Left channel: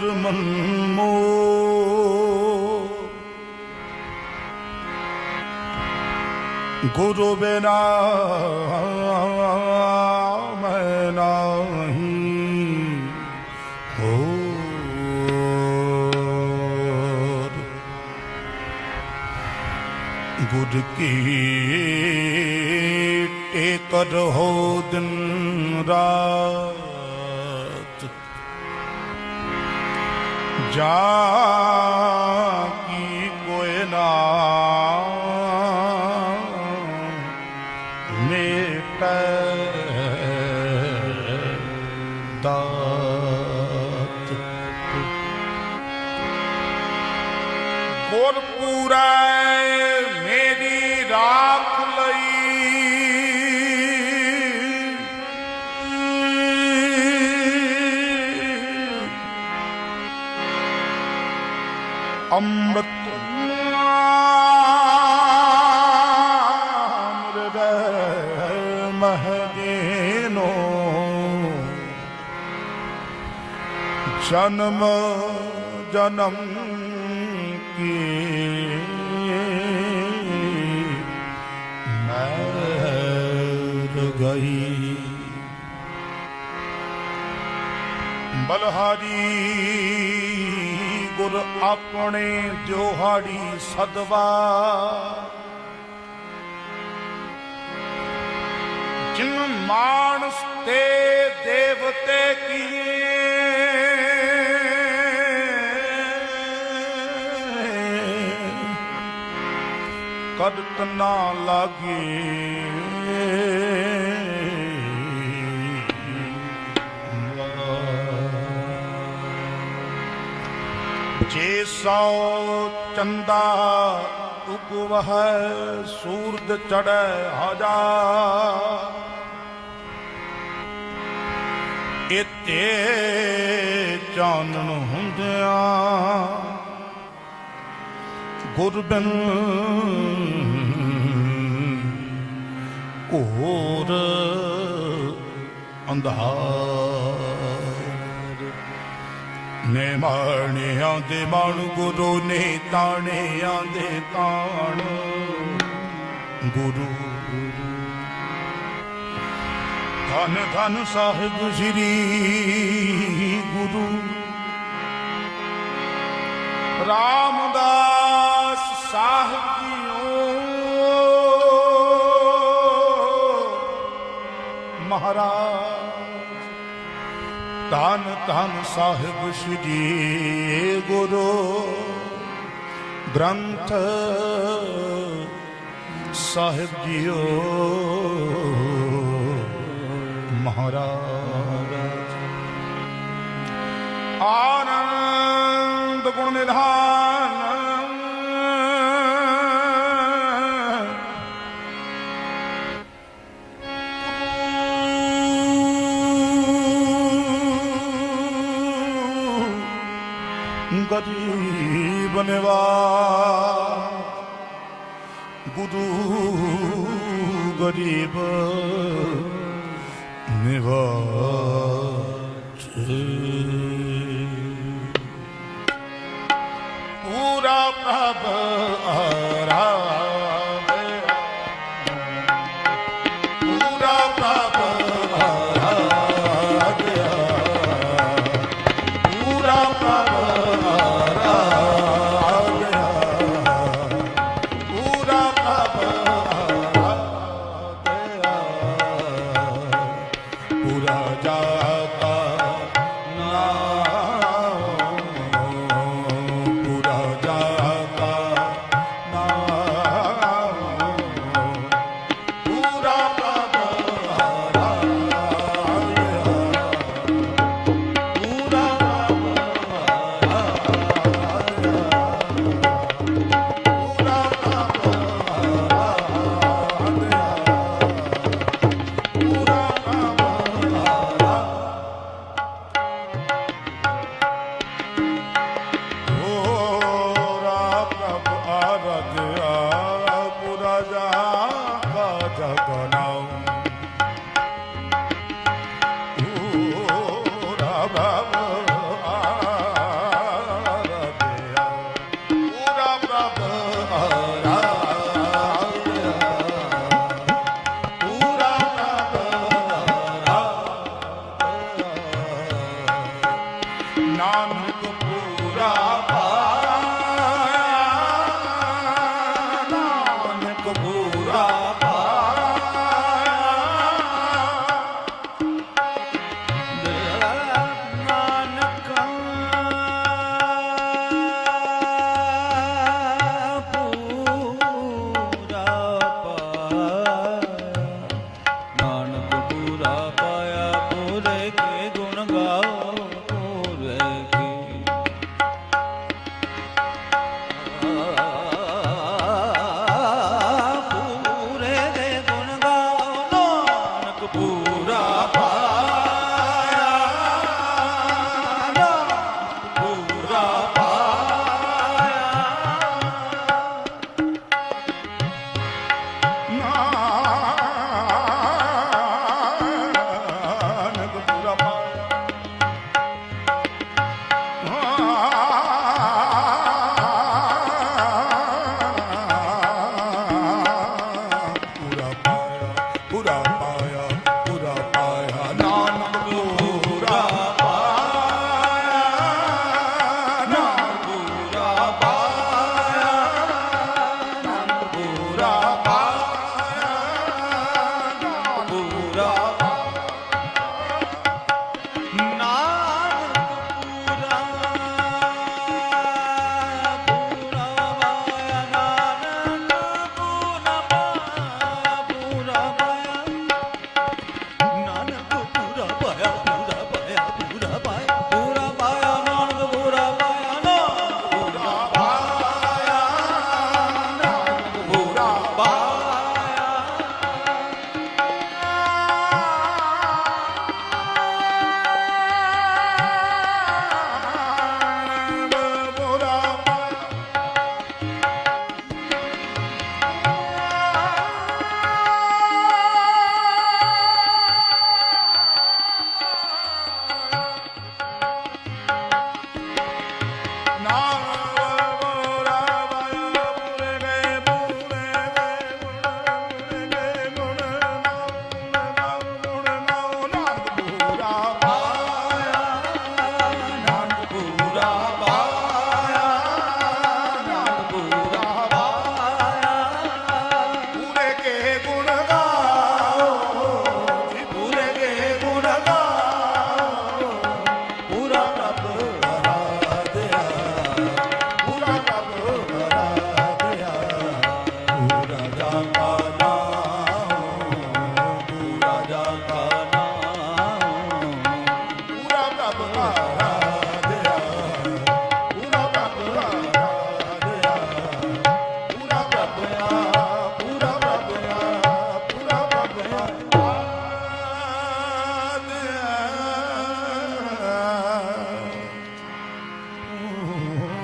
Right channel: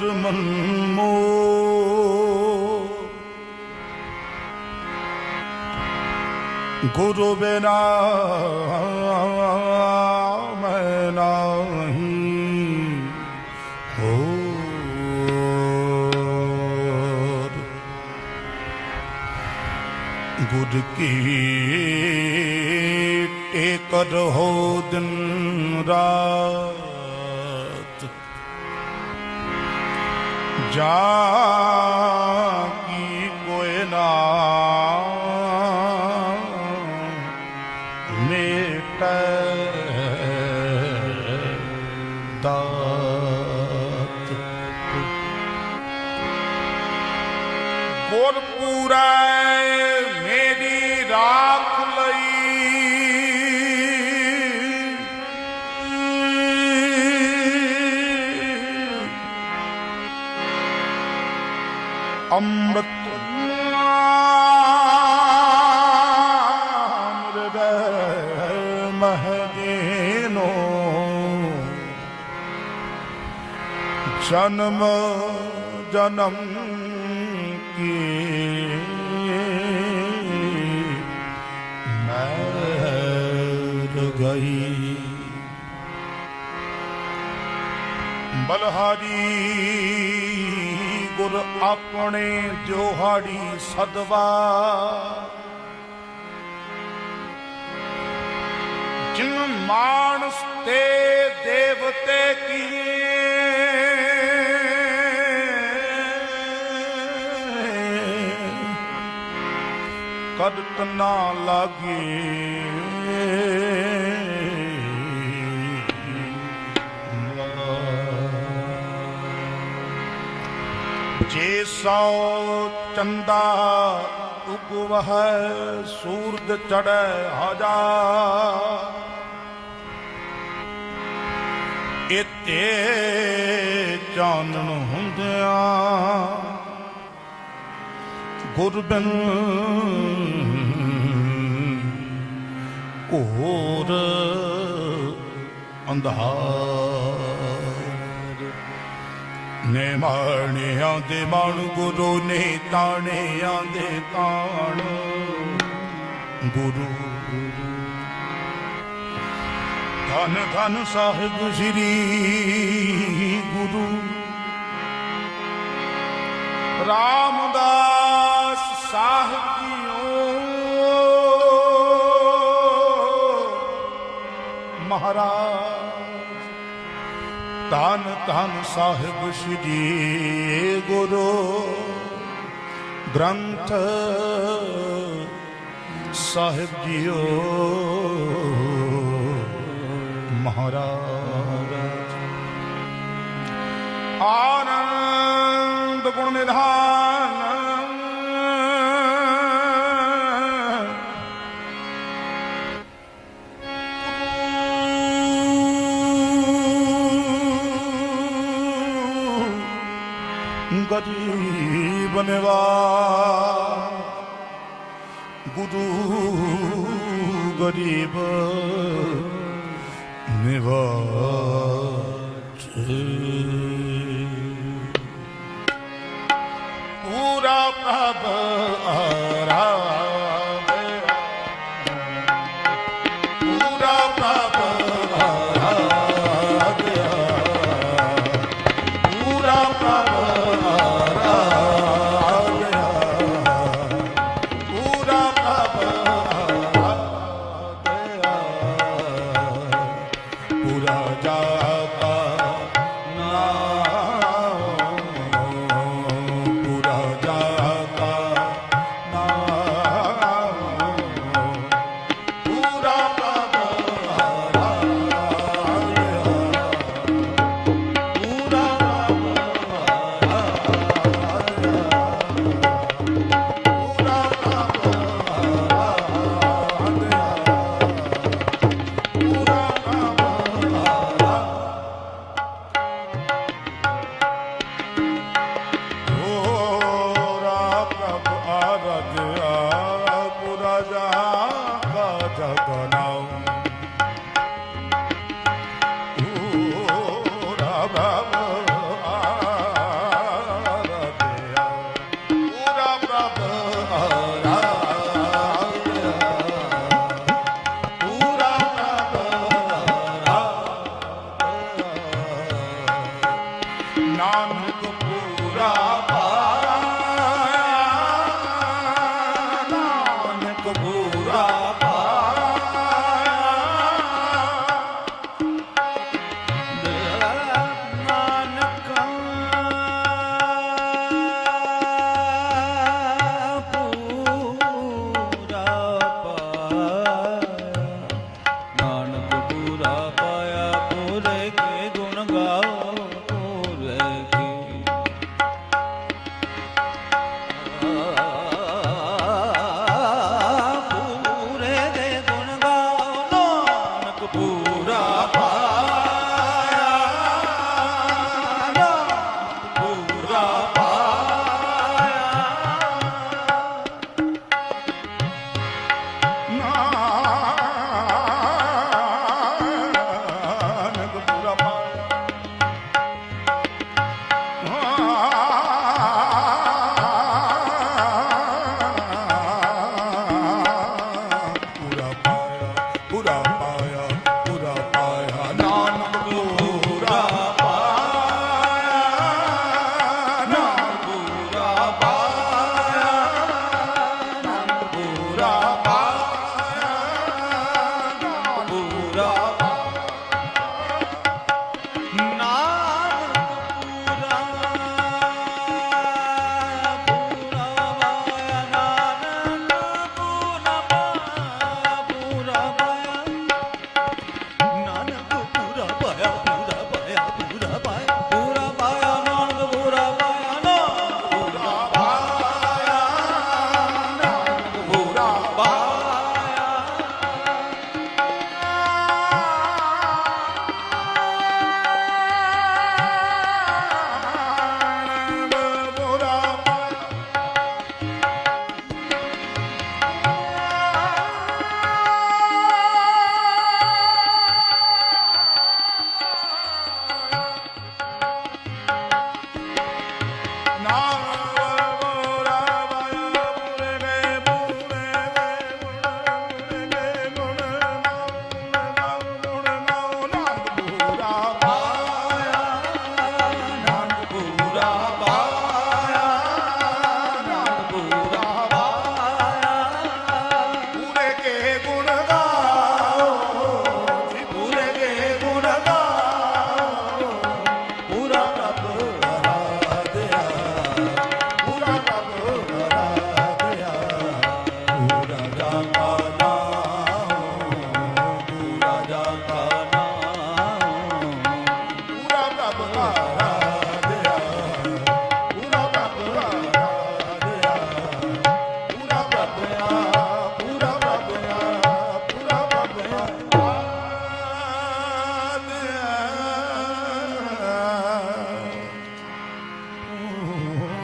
ਕਰ ਮਨ ਗੁਰੂ ਬਿਨਾ ਮੈਂ ਨਾਹੀ ਹੋਰ। ਗੁਰ ਕੀ ਟੇਕਰ ਹੋ ਦਿਨ ਰਾਤ ਜਾ ਕੀ ਕੋਇ અમૃત મહદેનો જન્મ જન્મ ગઈ બલહારી ਆਪਣੇ ਜੋਹਾੜੀ ਸਦਵਾ। ਜਿਨ ਮਾਨਸ ਤੇ ਦੇਵਤੇ ਕੀਏ ਕਦਤ ਨਾ ਲਾਗੇ। ਜੇ ਸੋ ਚੰਦਾ ਉਗਵਹ ਸੂਰਜ ਚੜੈ ਹਜ਼ਾਰ ਇਤੇ ਚਾਨਣ ਹੁੰਦਿਆਂ ਗੁਰਬਨ ਕੋਰ ਅੰਧਾਰ ਨੇ ਮਾਣਿਆਂ ਦੇ ਮਾਣ, ਗੁਰੂ ਨੇ ਤਾਣਿਆਂ ਦੇ ਤਾਣ। ਗੁਰੂ ਧੰਨ ਧੰਨ ਸਾਹਿਬ ਸ੍ਰੀ ਗੁਰੂ। ਰਾਮਦਾਸ ਸਾਹਿਬ ਮਹਾਰਾਜ, ਧੰਨ ਧੰਨ ਸਾਹਿਬ ਸ੍ਰੀ ਗੁਰੂ ਗ੍ਰੰਥ ਸਾਹਿਬ ਜੀਓ ਮਹਾਰਾਜ। बनेवा गुरु गरीब मेवा पूरा प्रभ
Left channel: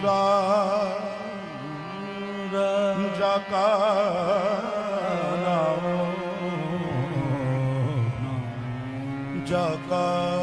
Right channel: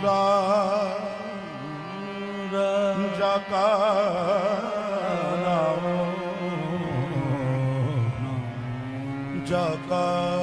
ਪੂਰਾ ਜਕਾ ਨਾਮ ਜਕਾ